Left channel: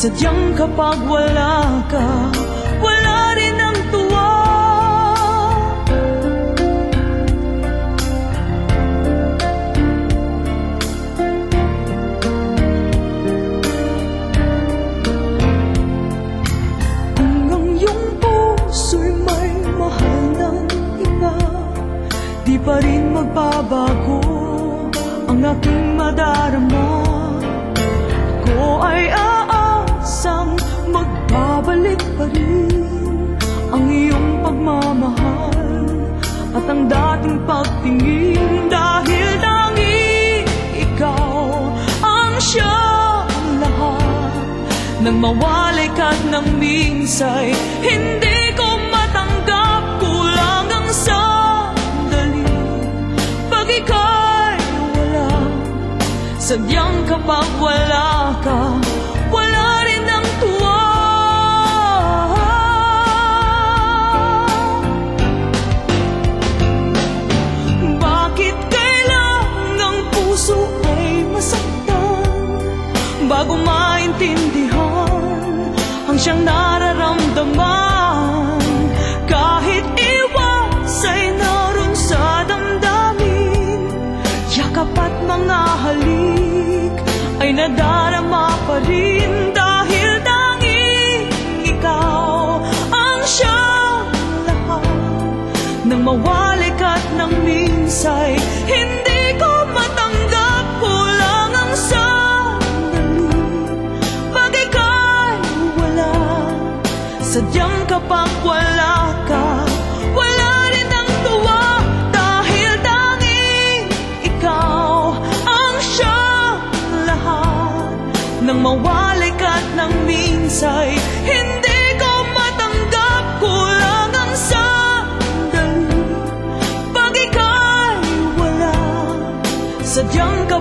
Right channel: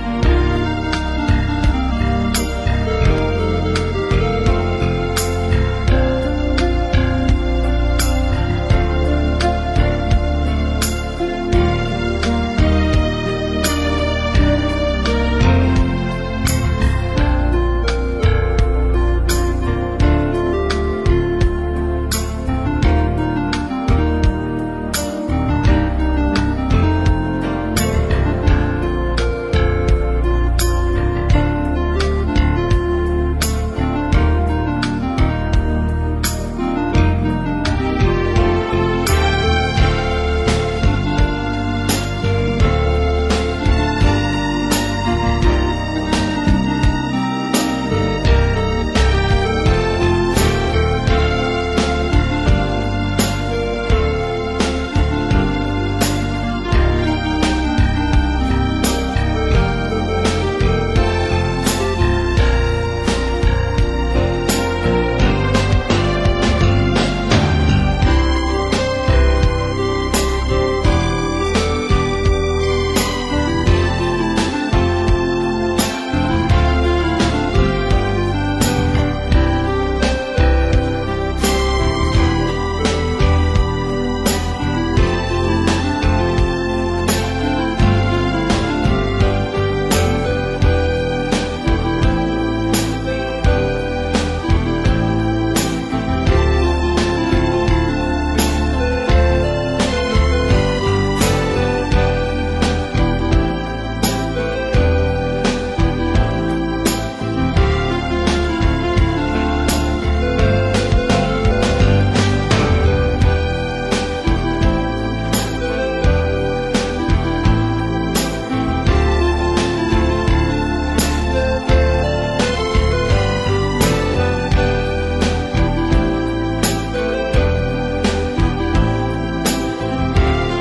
Sadyang kapag wala ka, wala rin ang tuwa. Hanggang yung puso'y may mahal ng iba, di pa rin magbabago ang aking madarama. Ako ay aasang magbabalik pa rin ang iyong pagmamahal at ang dating pagtingin, dahil tanging ikaw ang siyang lahat. Nang mawalay ka't nang minsay, hindi ko matanggap, kulang ang sandali pag ika'y wala. Sadyang kapag wala ka, wala rin ang tuwa. Bakit kailangang puso ay masaktan bago maintindihan ang siyang nararamdaman? Kahit iwas ay naroon sa damdamin, yakap at mga halik ay nadarama pa rin, dahil tanging ikaw ang siyang lahat. Nang mawalay ka't nang minsay, hindi ko matanggap, kulang ang sandali pag ika'y wala. Sadyang kapag wala ka, wala rin ang tuwa, dahil tanging ikaw ang siyang lahat. Nang mawalay ka't nang minsay, hindi ko matanggap, kulang ang sandali pag ika'y wala. Sadyang kapag